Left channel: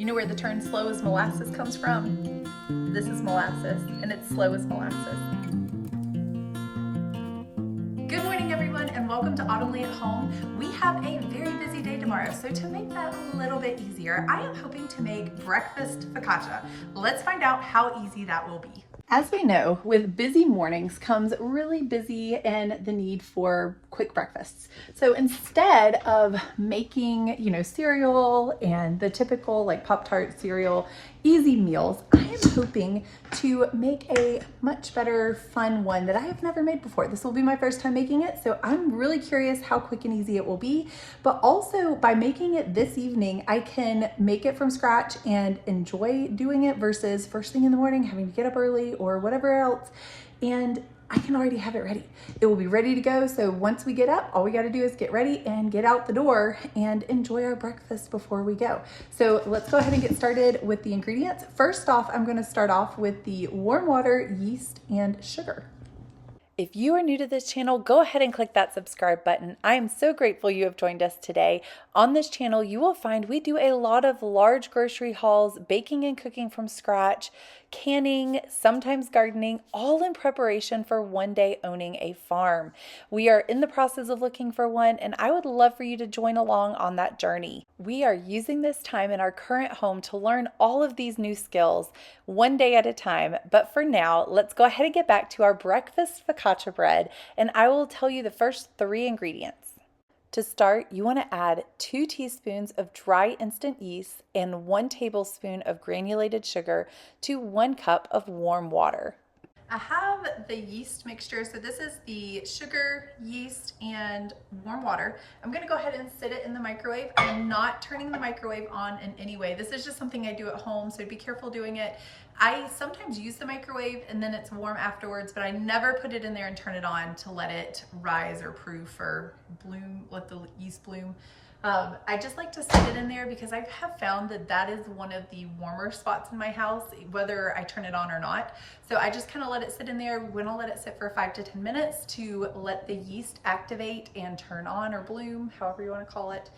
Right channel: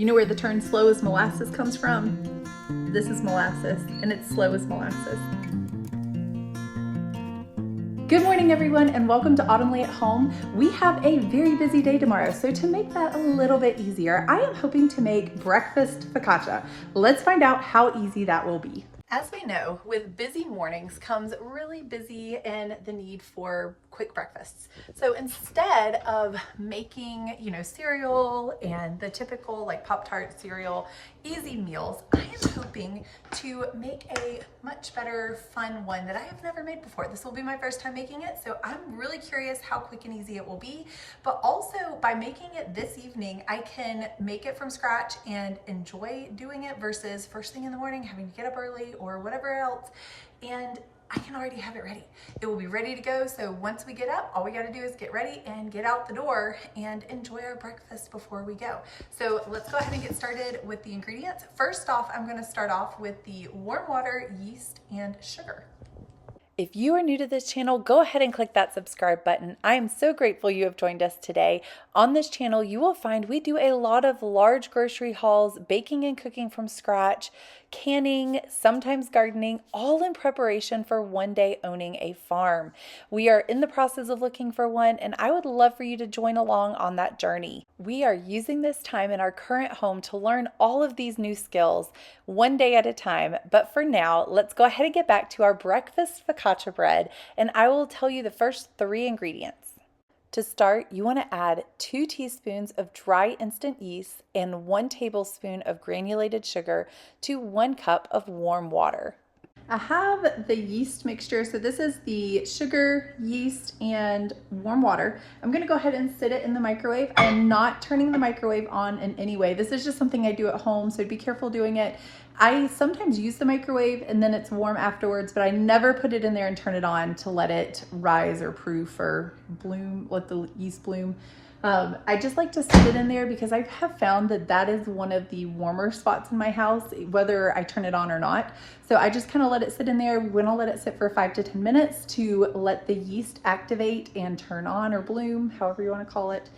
You know where the term slow as molasses comes from? This is molasses, and it's slow as molasses. Good morning, everyone, and welcome to Autumnly at Home. We have a very busy day tomorrow, so to make that a little bit easier, I am hoping to make breakfast focaccia. Let's find out how easy that will be. As we know, with busy mornings comes really busy and the need for quick breakfasts. So instead of making, cereal and the typical like Pop-Tart cereal, easy meals, I am hoping to make a much better fun one that I have never made before. This will be my first time making it, so I'm really curious how quick and easy it will be. But also by making it this evening, I can make it from scratch and enjoy doing it versus first thing in the morning having to get up early or whatever else, and I can already have it ready. It will be ready to go. So once we get up, all we got to do is get ready and get out the door and enjoy our breakfast before we go. So let's go ahead and get started with the ingredients. First off, I'm going to start off with the warm water, yeast, and sugar. If you are new to this channel, go ahead and click that subscribe button. I am so grateful you have joined us today. On this channel, you will find we do a lot of large grocery hauls, baking and cooking from scratch, canning, sometimes gardening, all in preparation for one day owning a farm. We are in the process of looking for one, and I would love for you to join along on that journey. We are using this time in our current home to learn all of these new skills one day at a time. But for now, let's go ahead and get back to our breakfast focaccia bread, and I will tell you the first 3 ingredients. To start, you want to add 2 teaspoons of dry instant yeast and 1 tablespoon of granulated sugar to 1 cup of warm water. I have the yeast mixture, so this is the sugar, yeast, and warm water. I'm going to go ahead and sit it in the microwave. I'm not turning the microwave on in any way. This is just something I do at home, so be careful doing it. I sometimes use the microwave and then it's warm afterwards, but I never put it in there and turn it on to let it rise or proof or bloom, let the yeast bloom. I just like to sit it in there because I have found that that is one of the warmer spots in my house, whether I turn it on or not. So I just kind of let it sit in there. We're going to let it sit for 5 to 10 minutes to let the yeast activate and turn on or bloom, however you want to call it.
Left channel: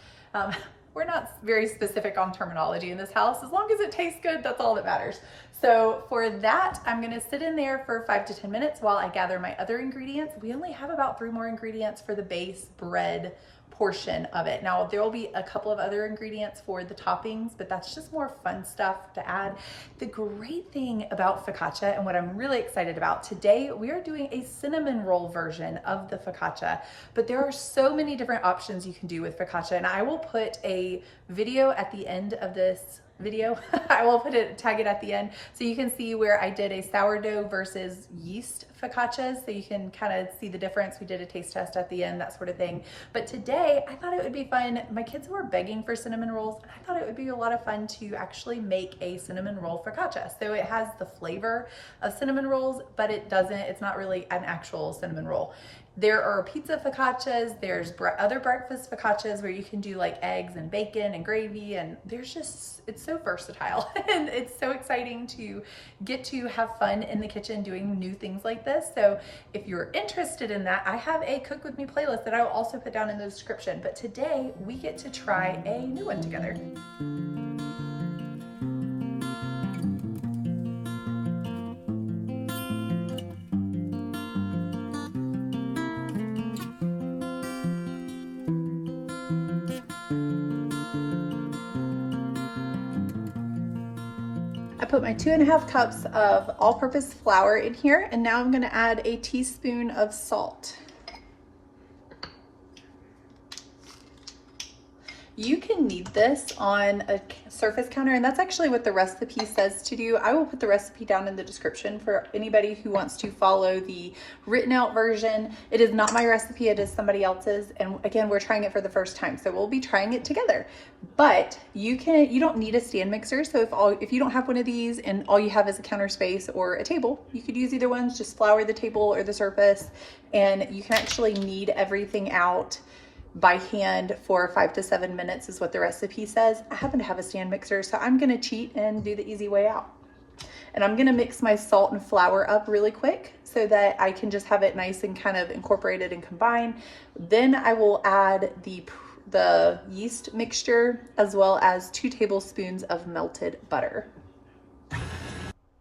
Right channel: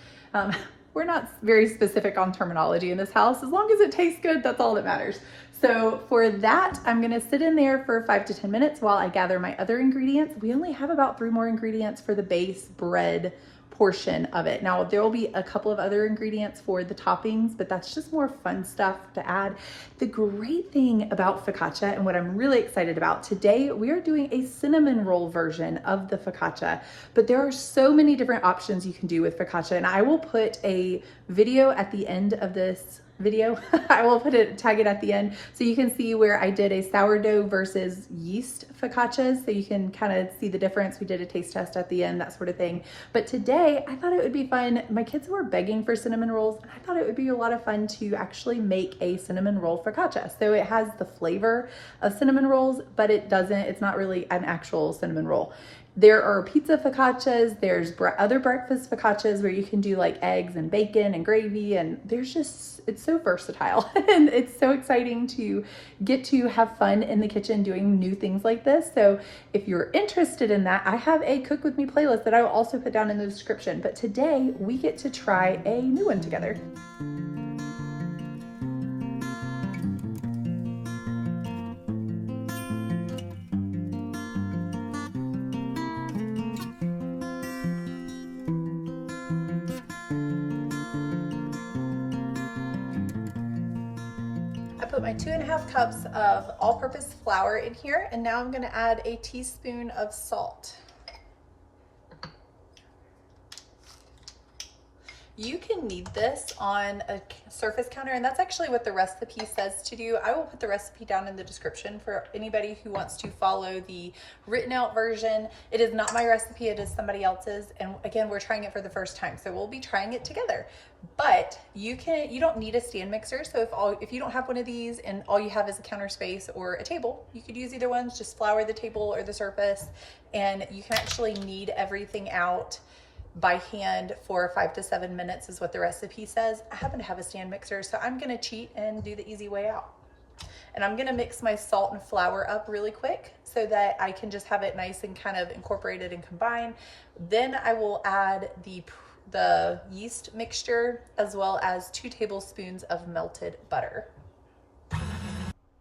We're not very specific on terminology in this house. As long as it tastes good, that's all that matters. So for that, I'm going to sit in there for 5 to 10 minutes while I gather my other ingredients. We only have about 3 more ingredients for the base bread portion of it. Now there will be a couple of other ingredients for the toppings, but that's just more fun stuff to add. The great thing about focaccia and what I'm really excited about today, we are doing a cinnamon roll version of the focaccia, but there are so many different options you can do with focaccia, and I will put a video at the end of this video. I will tag it at the end so you can see where I did a sourdough versus yeast focaccias, so you can kind of see the difference. We did a taste test at the end, that sort of thing. But today I thought it would be fun. My kids were begging for cinnamon rolls, and I thought it would be a lot of fun to actually make a cinnamon roll focaccia. So it has the flavor of cinnamon rolls, but it's not really an actual cinnamon roll. There are pizza focaccias, there's other breakfast focaccias where you can do like eggs and bacon and gravy, and it's so versatile and it's so exciting to get to have fun in the kitchen doing new things like this. So if you're interested in that, I have a Cook With Me playlist that I will also put down in the description. But today we get to try a new one together. I put my 2.5 cups of all-purpose flour in here, and now I'm going to add a teaspoon of salt. You can knead this on a surface counter, and that's actually what the recipe says to do. I will put the recipe down in the description for anybody who wants to follow the written out version. It is not my recipe, it is somebody else's, and again, we're trying it for the first time, so we'll be trying it together. But you don't need a stand mixer, so if you don't have one of these and all you have is a counter space or a table, you could use either ones. Just flour the table or the surface, and you can actually knead everything out by hand for 5 to 7 minutes is what the recipe says. I happen to have a stand mixer, so I'm gonna cheat and do the easy way out. And I'm gonna mix my salt and flour up really quick so that I can just have it nice and kind of incorporated and combined. Then I will add the the yeast mixture, as well as 2 tablespoons of melted butter.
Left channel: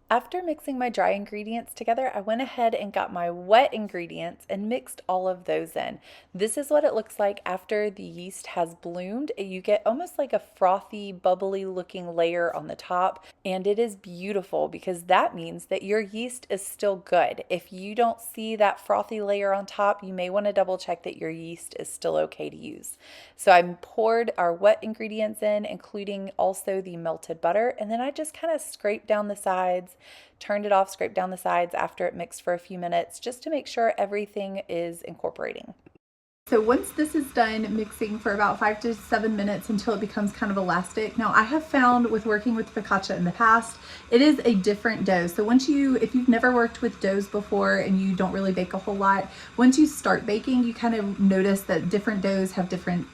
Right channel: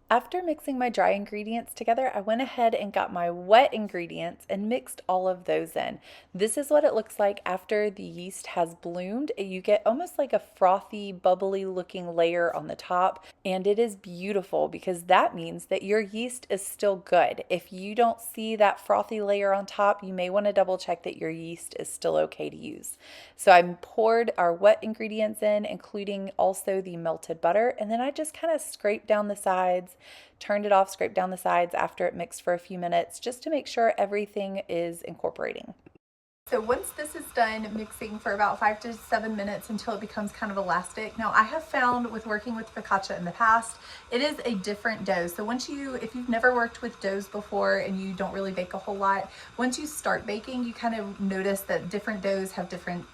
After mixing my dry ingredients together, I went ahead and got my wet ingredients and mixed all of those in. This is what it looks like after the yeast has bloomed. You get almost like a frothy, bubbly looking layer on the top, and it is beautiful because that means that your yeast is still good. If you don't see that frothy layer on top, you may want to double check that your yeast is still okay to use. So I poured our wet ingredients in, including also the melted butter, and then I just kind of scraped down the sides, turned it off, scraped down the sides after it mixed for a few minutes just to make sure everything is incorporating. So once this is done mixing for about 5 to 7 minutes until it becomes kind of elastic. Now I have found with working with focaccia in the past, it is a different dough. So if you've never worked with doughs before and you don't really bake a whole lot, once you start baking, you kind of notice that different doughs have different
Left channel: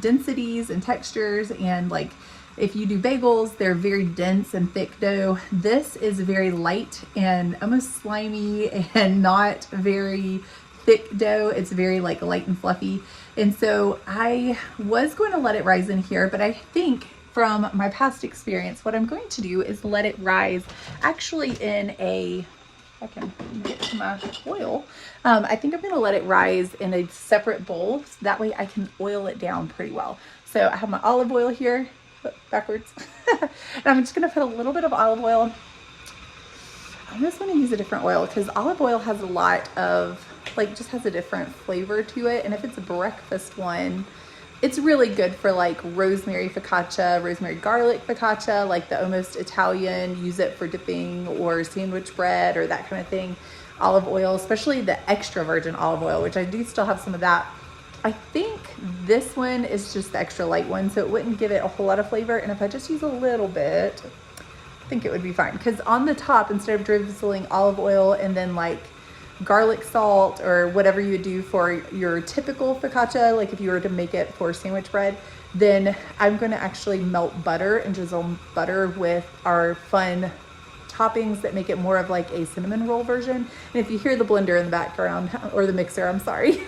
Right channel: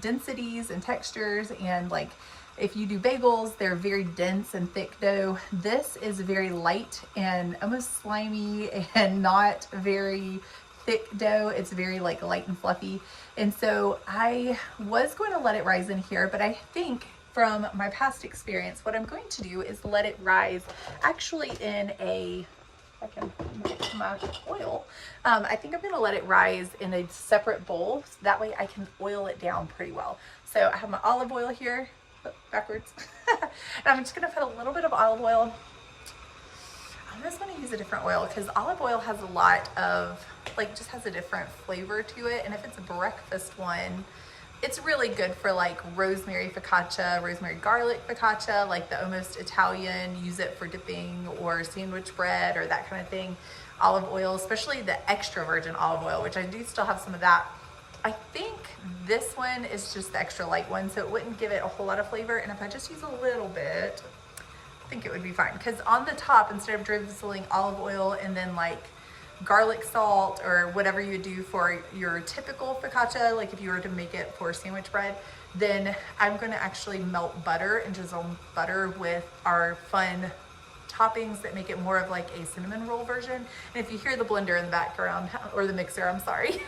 densities and textures, and like if you do bagels, they're very dense and thick dough. This is very light and almost slimy and not very thick dough. It's very like light and fluffy. And so I was going to let it rise in here, but I think from my past experience, what I'm going to do is let it rise actually in a, I can get to my oil. I think I'm going to let it rise in a separate bowl. So that way I can oil it down pretty well. So I have my olive oil here, backwards. And I'm just going to put a little bit of olive oil. I just want to use a different oil because olive oil has a lot of, like, just has a different flavor to it. And if it's a breakfast one, it's really good for like rosemary focaccia, rosemary garlic focaccia, like the almost Italian, use it for dipping or sandwich bread or that kind of thing. Olive oil, especially the extra virgin olive oil, which I do still have some of that. I think this one is just the extra light one, so it wouldn't give it a whole lot of flavor. And if I just use a little bit, I think it would be fine. Because on the top, instead of drizzling olive oil and then like garlic salt or whatever you would do for your typical focaccia, like if you were to make it for sandwich bread, then I'm going to actually melt butter and drizzle butter with our fun toppings that make it more of like a cinnamon roll version. And if you hear the blender in the background, or the mixer, I'm sorry,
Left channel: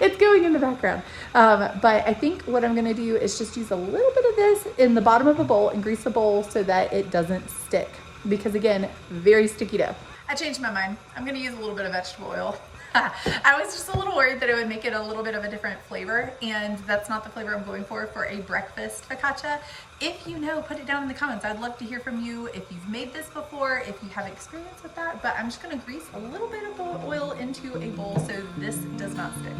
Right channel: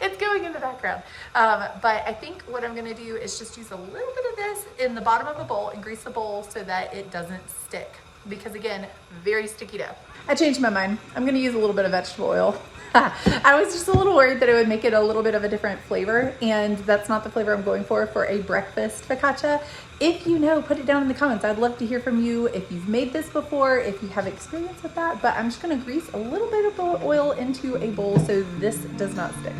it's going in the background. But I think what I'm going to do is just use a little bit of this in the bottom of a bowl and grease the bowl so that it doesn't stick, because again, very sticky dough. I changed my mind. I'm going to use a little bit of vegetable oil. I was just a little worried that it would make it a little bit of a different flavor, and that's not the flavor I'm going for a breakfast focaccia. If you know, put it down in the comments. I'd love to hear from you if you've made this before, if you have experience with that. But I'm just going to grease a little bit of the oil into a bowl so this does not stick.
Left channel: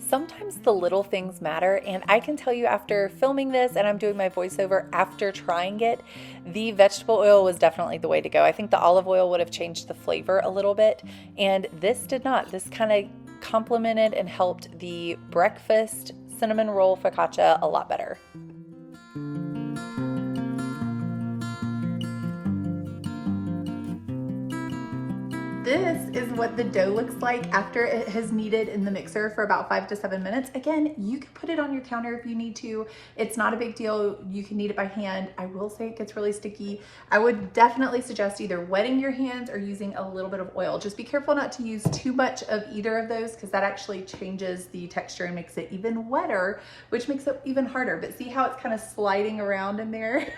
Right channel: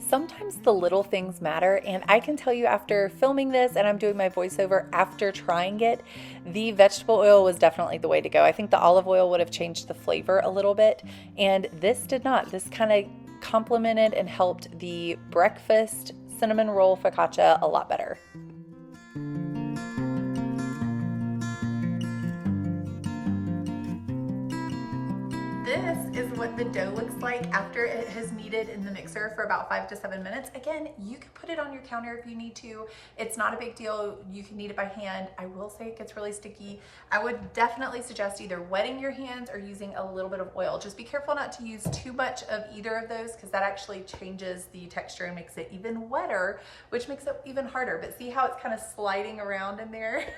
Sometimes the little things matter, and I can tell you after filming this and I'm doing my voiceover after trying it, the vegetable oil was definitely the way to go. I think the olive oil would have changed the flavor a little bit, and this did not. This kind of complemented and helped the breakfast cinnamon roll focaccia a lot better. This is what the dough looks like after it has kneaded in the mixer for about 5 to 7 minutes. Again, you can put it on your counter if you need to. It's not a big deal. You can knead it by hand. I will say it gets really sticky. I would definitely suggest either wetting your hands or using a little bit of oil. Just be careful not to use too much of either of those, because that actually changes the texture and makes it even wetter, which makes it even harder. But see how it's kind of sliding around in there?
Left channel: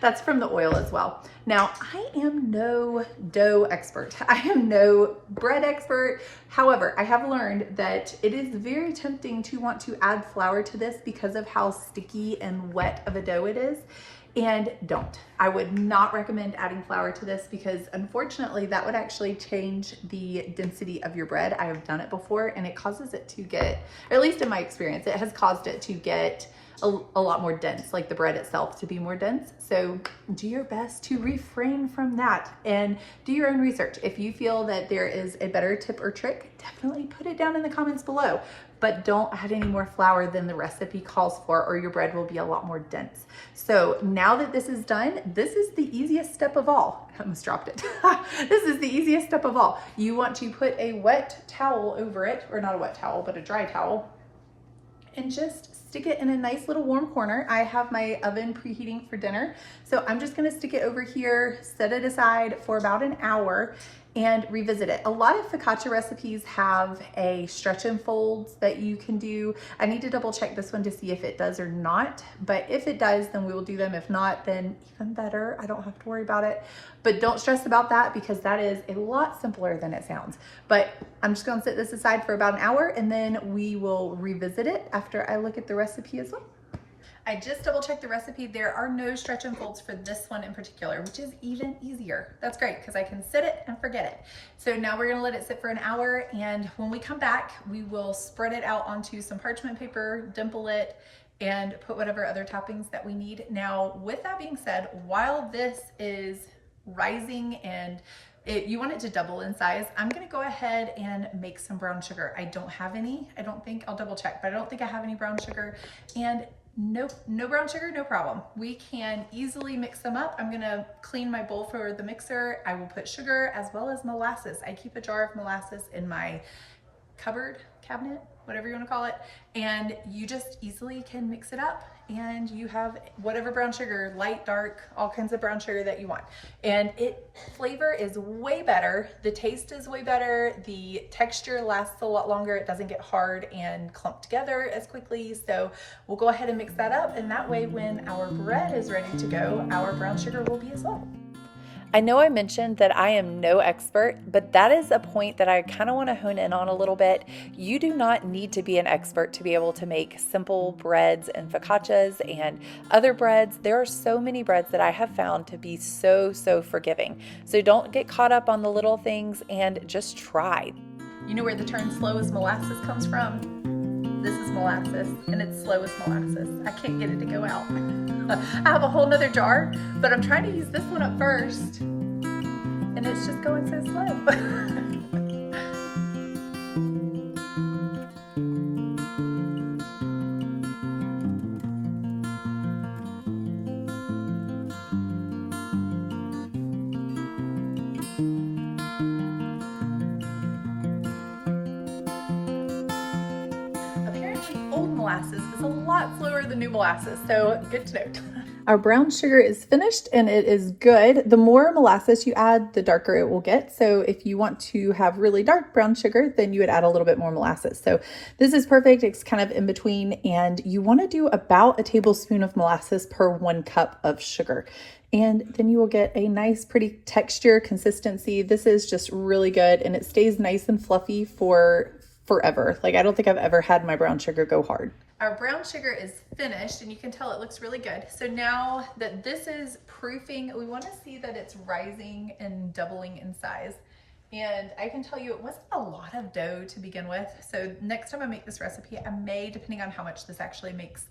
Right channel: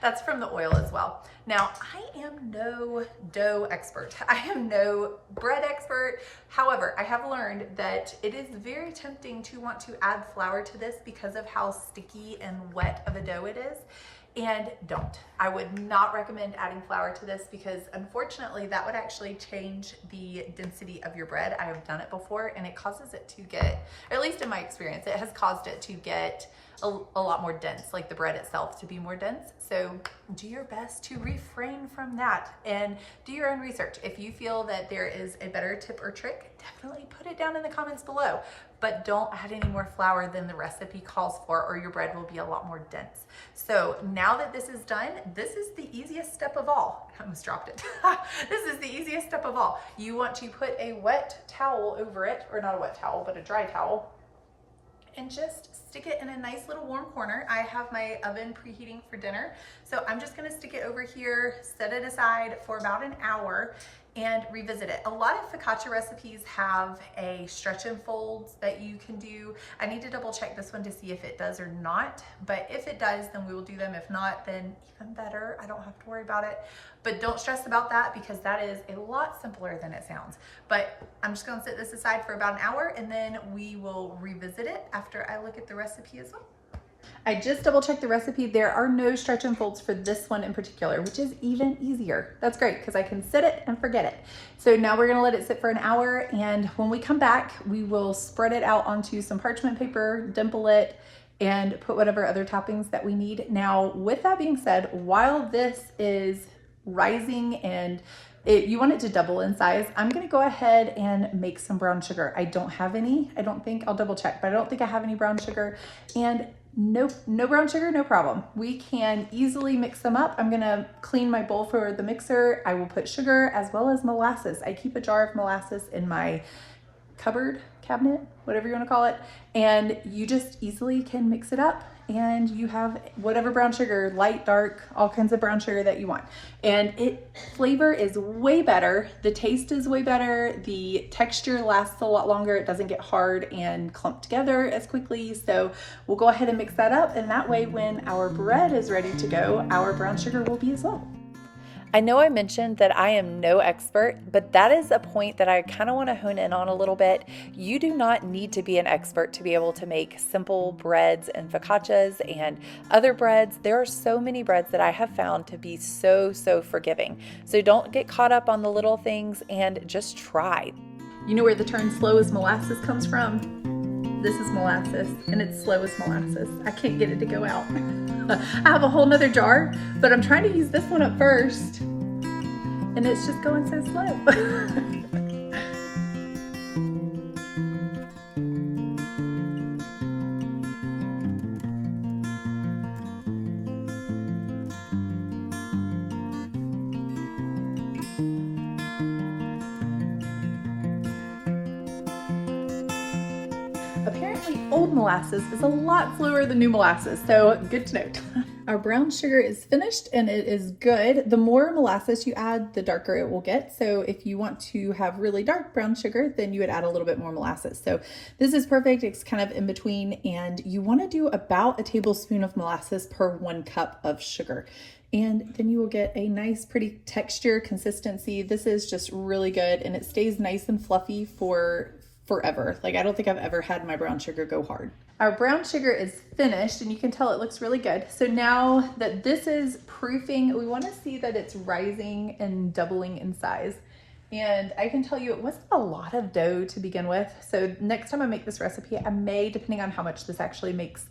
That's from the oil as well. Now, I am no dough expert. I am no bread expert. However, I have learned that it is very tempting to want to add flour to this because of how sticky and wet of a dough it is. And don't. I would not recommend adding flour to this, because unfortunately that would actually change the density of your bread. I have done it before and it causes it to get, or at least in my experience, it has caused it to get a lot more dense, like the bread itself to be more dense. So do your best to refrain from that and do your own research. If you feel that there is a better tip or trick, definitely put it down in the comments below, but don't add any more flour than the recipe calls for, or your bread will be a lot more dense. So now that this is done, this is the easiest step of all. I almost dropped it. This is the easiest step of all. You want to put a wet towel over it, or not a wet towel, but a dry towel, and just stick it in a nice little warm corner. I have my oven preheating for dinner, so I'm just gonna stick it over here, set it aside for about an hour, and revisit it. A lot of focaccia recipes have a stretch and folds that you can do. I need to double check this one to see if it does or not, but if it does, then we will do them. If not, then even better. I don't have to worry about it, but don't stress about that because that is a lot simpler than it sounds. But I'm just gonna set this aside for about an hour and then we will revisit it after I look at the recipe as well. I just double checked the recipe. There are no stretch and folds for this one in particular, which is even easier. That's great because I can set it and forget it. So now we're gonna let it sit for an hour, and when we come back, we will spread it out onto some parchment paper, dimple it, and put whatever other toppings that we need. Now, with that being said, while this is rising and you want it to double in size, I'm gonna go ahead and make some brown sugar. I don't have any, I don't think, I'll double check, but I don't think I have any brown sugar. And no brown sugar, no problem. We can easily mix them up. I'm gonna clean my bowl for the mixer. I will put sugar as well as molasses. I keep a jar of molasses in my cupboard, cabinet, whatever you wanna call it. And you just easily can mix it up and you have whatever brown sugar, light, dark, all kinds of brown sugar that you want. And flavor is way better. The taste is way better. The texture lasts a lot longer. It doesn't get hard and clump together as quickly. So we'll go ahead and mix that up. And that way, when our bread is ready to go, our brown sugar will be as well. I know I mentioned that I am no expert, but that is a point that I kind of want to hone in on a little bit. You do not need to be an expert to be able to make simple breads and focaccias and other breads. There are so many breads that I have found to be so forgiving. So don't get caught up on the little things and just try. You know where the term slow as molasses comes from? This is molasses and it's slow as molasses. I can't get it to go out. I have a whole nother jar, but I'm trying to use this one at first and it's just going so slow. Apparently old molasses is a lot slower than new molasses, so good to note. Our brown sugar is finished and it is good. The more molasses you add, the darker it will get. So if you want to have really dark brown sugar, then you would add a little bit more molasses. So this is perfect. It's kind of in between, and you want to do about a tablespoon of molasses per 1 cup of sugar. And then you will get a nice, pretty texture, consistency. This is just really good and it stays nice and fluffy for forever. Like, I don't think I've ever had my brown sugar go hard. Our brown sugar is finished and you can tell it looks really good. So now that this is proofing, we want to see that it's rising and doubling in size. And I can tell you it wasn't a lot of dough to begin with. So next time I make this recipe, I may, depending on how much this actually makes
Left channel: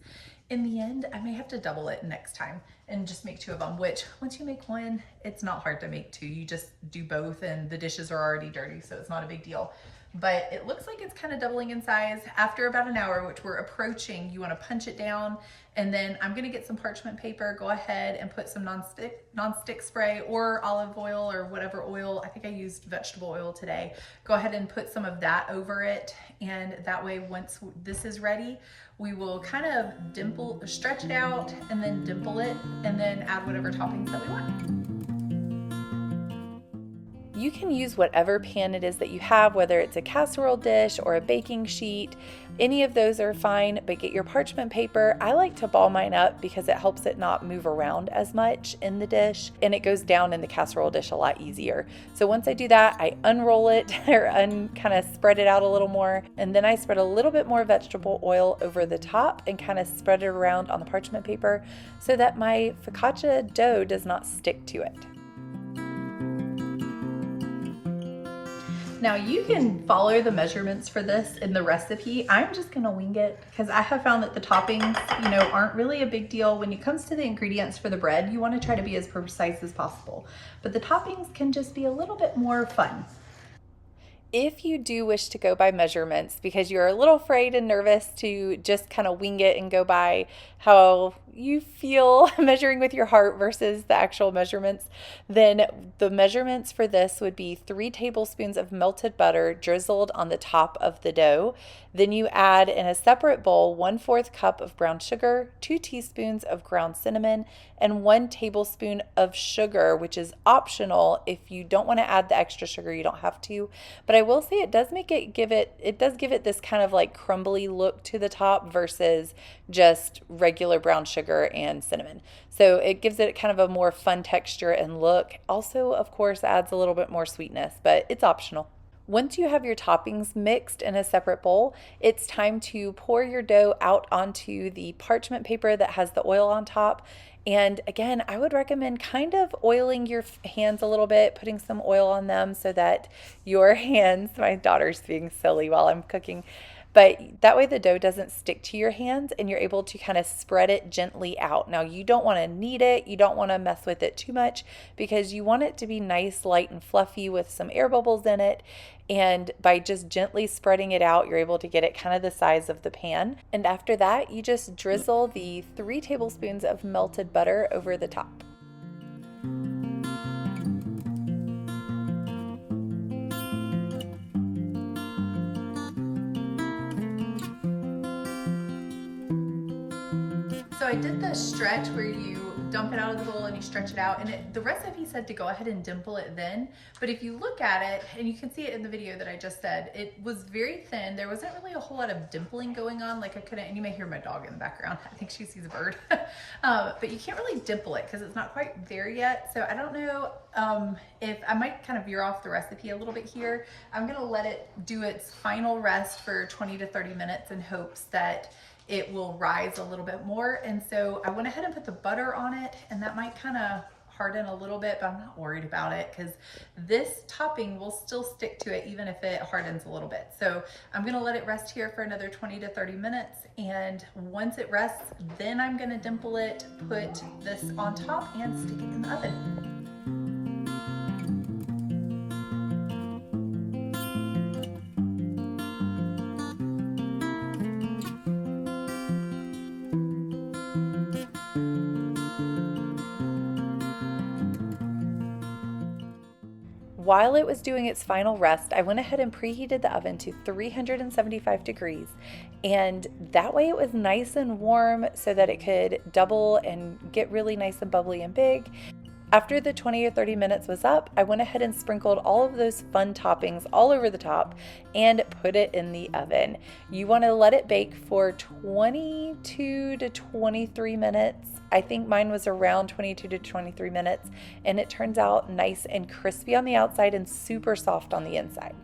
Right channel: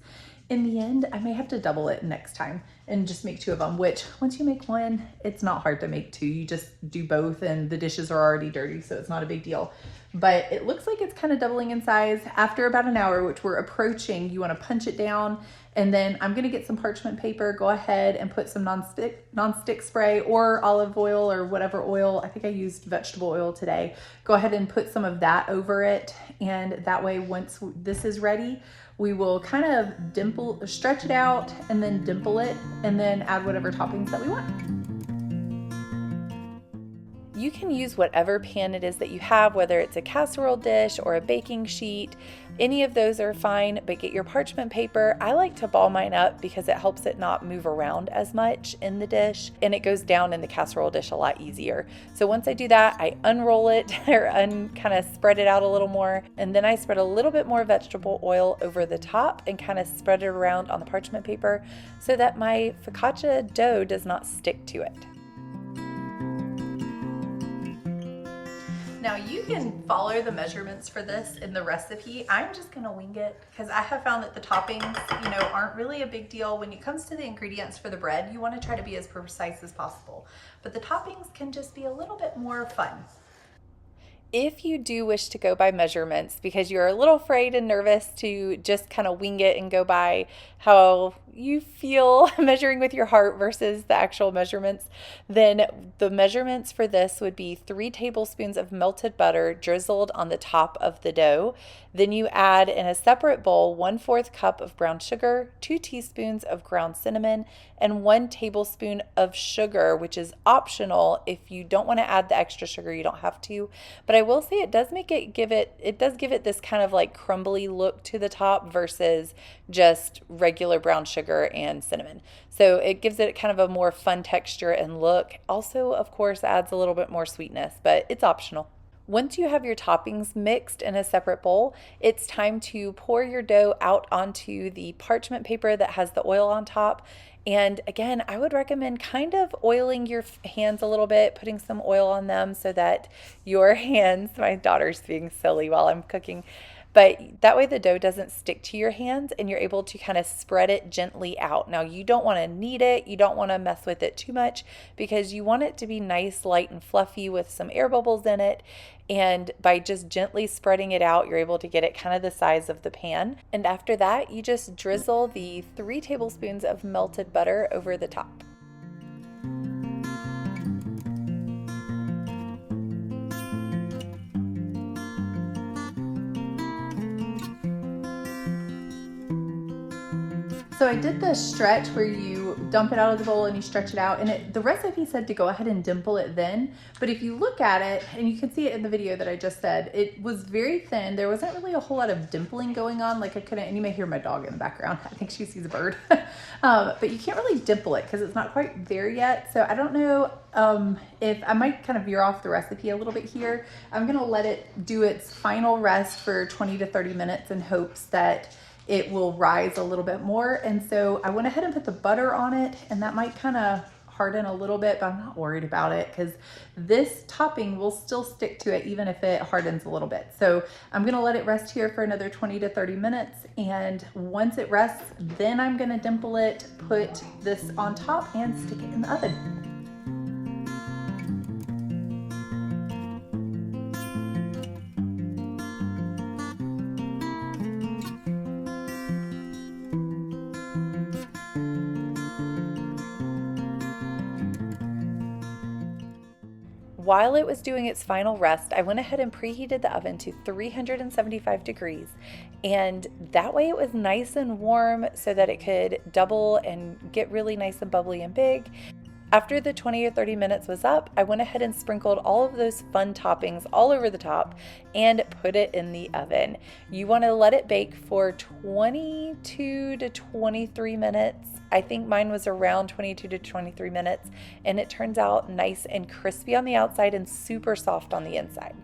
in the end, I may have to double it next time and just make 2 of them, which once you make 1, it's not hard to make 2. You just do both and the dishes are already dirty, so it's not a big deal. But it looks like it's kind of doubling in size. After about an hour, which we're approaching, you want to punch it down. And then I'm going to get some parchment paper, go ahead and put some non-stick spray or olive oil or whatever oil. I think I used vegetable oil today. Go ahead and put some of that over it. And that way, once this is ready, we will kind of stretch it out and then dimple it and then add whatever toppings that we want. You can use whatever pan it is that you have, whether it's a casserole dish or a baking sheet. Any of those are fine, but get your parchment paper. I like to ball mine up because it helps it not move around as much in the dish, and it goes down in the casserole dish a lot easier. So once I do that, I unroll it or kind of spread it out a little more, and then I spread a little bit more vegetable oil over the top and kind of spread it around on the parchment paper so that my focaccia dough does not stick to it. Now you can follow the measurements for this in the recipe. I'm just gonna wing it because I have found that the toppings, aren't really a big deal. When it comes to the ingredients for the bread, you wanna try to be as precise as possible. But the toppings can just be a little bit more fun. If you do wish to go by measurements because you're a little afraid and nervous to just kind of wing it and go by how you feel measuring with your heart versus the actual measurements, then the measurements for this would be 3 tablespoons of melted butter drizzled on the top of the dough. Then you add in a separate bowl 1/4 cup of brown sugar, 2 teaspoons of ground cinnamon, and 1 tablespoon of sugar, which is optional. If you don't want to add the extra sugar, you don't have to. But I will say it does give it this kind of like crumbly look to the top versus just regular brown sugar and cinnamon. So it gives it kind of a more fun texture and look. Also, of course, adds a little bit more sweetness, but it's optional. Once you have your toppings mixed in a separate bowl, it's time to pour your dough out onto the parchment paper that has the oil on top. And again, I would recommend kind of oiling your hands a little bit, putting some oil on them so that your hands, my daughter's being silly while I'm cooking, but that way the dough doesn't stick to your hands and you're able to kind of spread it gently out. Now you don't want to knead it, you don't want to mess with it too much because you want it to be nice, light, and fluffy with some air bubbles in it. And by just gently spreading it out, you're able to get it kind of the size of the pan. And after that, you just drizzle the 3 tablespoons of melted butter over the top. So I did the stretch where you dump it out of the bowl and you stretch it out, and the recipe said to go ahead and dimple it then, but if you look at it, and you can see it in the video that I just said, it was very thin. There wasn't really a whole lot of dimpling going on, like I couldn't, and you may hear my dog in the background. I think she sees a bird. But you can't really dimple it because it's not quite there yet. So I don't know if I might kind of veer off the recipe a little bit here. I'm gonna let it do its final rest for 20 to 30 minutes in hopes that it will rise a little bit more. And so I went ahead and put the butter on it, and that might kind of harden a little bit, but I'm not worried about it because this topping will still stick to it even if it hardens a little bit. So I'm gonna let it rest here for another 20 to 30 minutes. And once it rests, then I'm gonna dimple it, put this on top, and stick it in the oven. While it was doing its final rest, I went ahead and preheated the oven to 375 degrees, and that way it was nice and warm so that it could double and get really nice and bubbly and big. After the 20 or 30 minutes was up, I went ahead and sprinkled all of those fun toppings all over the top and put it in the oven. You want to let it bake for 22 to 23 minutes. I think mine was around 22 to 23 minutes, and it turns out nice and crispy on the outside and super soft on the inside.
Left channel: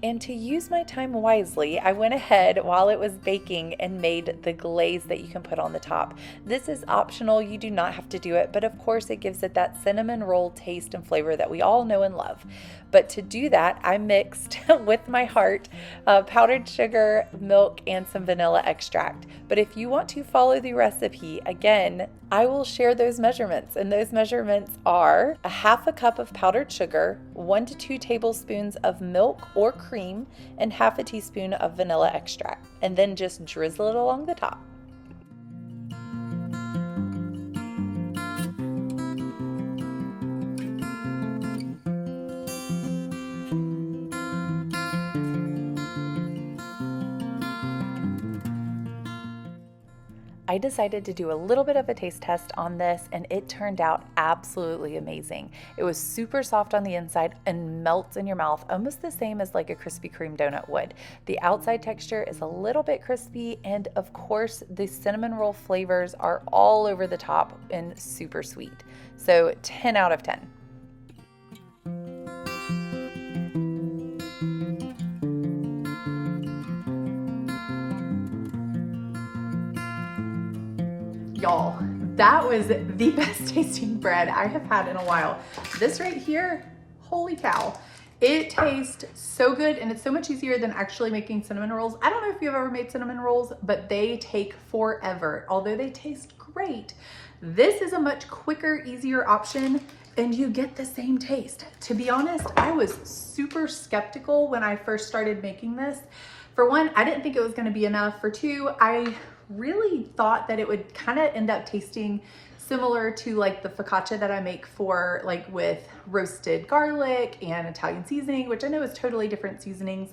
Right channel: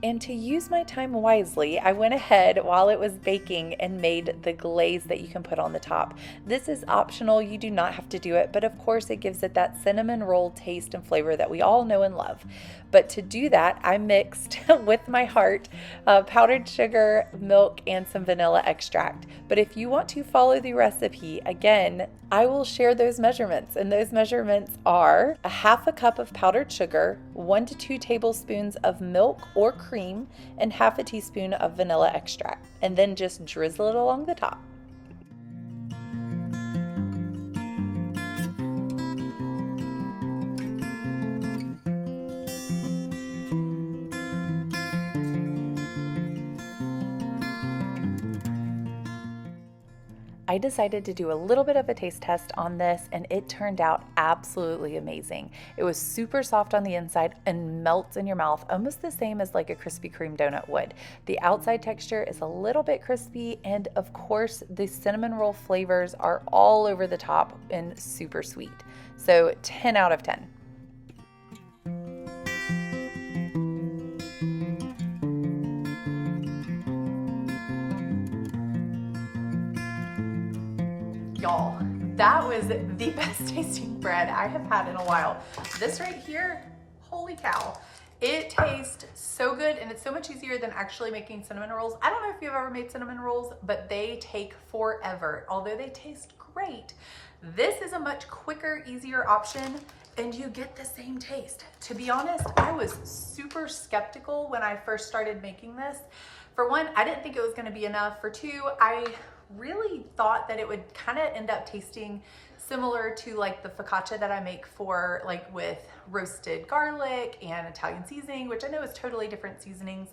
And to use my time wisely, I went ahead while it was baking and made the glaze that you can put on the top. This is optional, you do not have to do it, but of course it gives it that cinnamon roll taste and flavor that we all know and love. But to do that, I mixed with my heart powdered sugar, milk, and some vanilla extract. But if you want to follow the recipe, again, I will share those measurements, and those measurements are 1/2 cup of powdered sugar, 1 to 2 tablespoons of milk or cream, and 1/2 teaspoon of vanilla extract, and then just drizzle it along the top. I decided to do a little bit of a taste test on this, and it turned out absolutely amazing. It was super soft on the inside and melts in your mouth, almost the same as like a Krispy Kreme donut would. The outside texture is a little bit crispy, and of course the cinnamon roll flavors are all over the top and super sweet. So 10 out of 10. Y'all, that was the best tasting bread I have had in a while. This right here, holy cow. It tastes so good, and it's so much easier than actually making cinnamon rolls. I don't know if you've ever made cinnamon rolls, but they take forever. Although they taste great, this is a much quicker, easier option, and you get the same taste. To be honest, I was super skeptical when I first started making this. For one, I didn't think it was gonna be enough. For two, I really thought that it would kind of end up tasting similar to like the focaccia that I make for like with roasted garlic and Italian seasoning, which I know is totally different seasonings,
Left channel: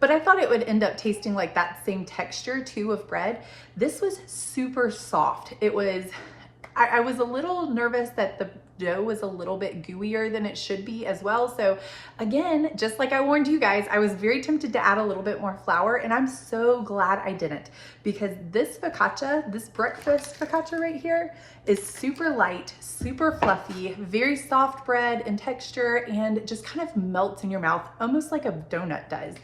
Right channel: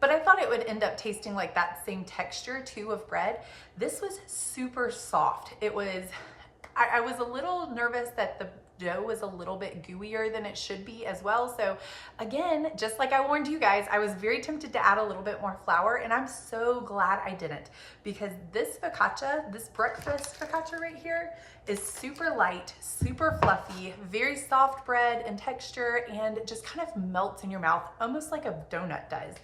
but I thought it would end up tasting like that same texture too of bread. This was super soft. It was, I was a little nervous that the dough was a little bit gooier than it should be as well. So again, just like I warned you guys, I was very tempted to add a little bit more flour, and I'm so glad I didn't, because this focaccia, this breakfast focaccia right here, is super light, super fluffy, very soft bread in texture, and just kind of melts in your mouth, almost like a donut does.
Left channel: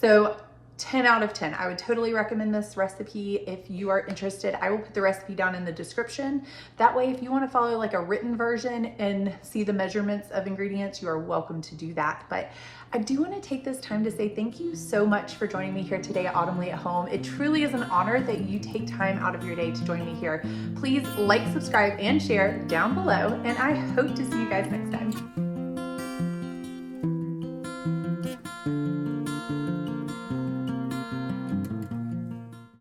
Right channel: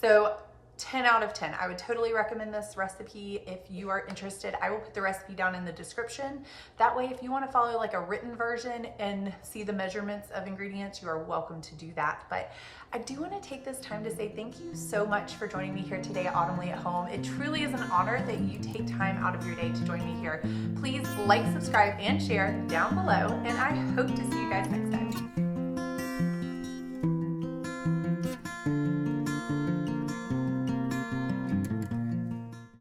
So 10 out of 10. I would totally recommend this recipe if you are interested. I will put the recipe down in the description. That way, if you want to follow like a written version and see the measurements of ingredients, you are welcome to do that. But I do want to take this time to say thank you so much for joining me here today at Autumnly at Home. It truly is an honor that you take time out of your day to join me here. Please like, subscribe, and share down below, and I hope to see you guys next time.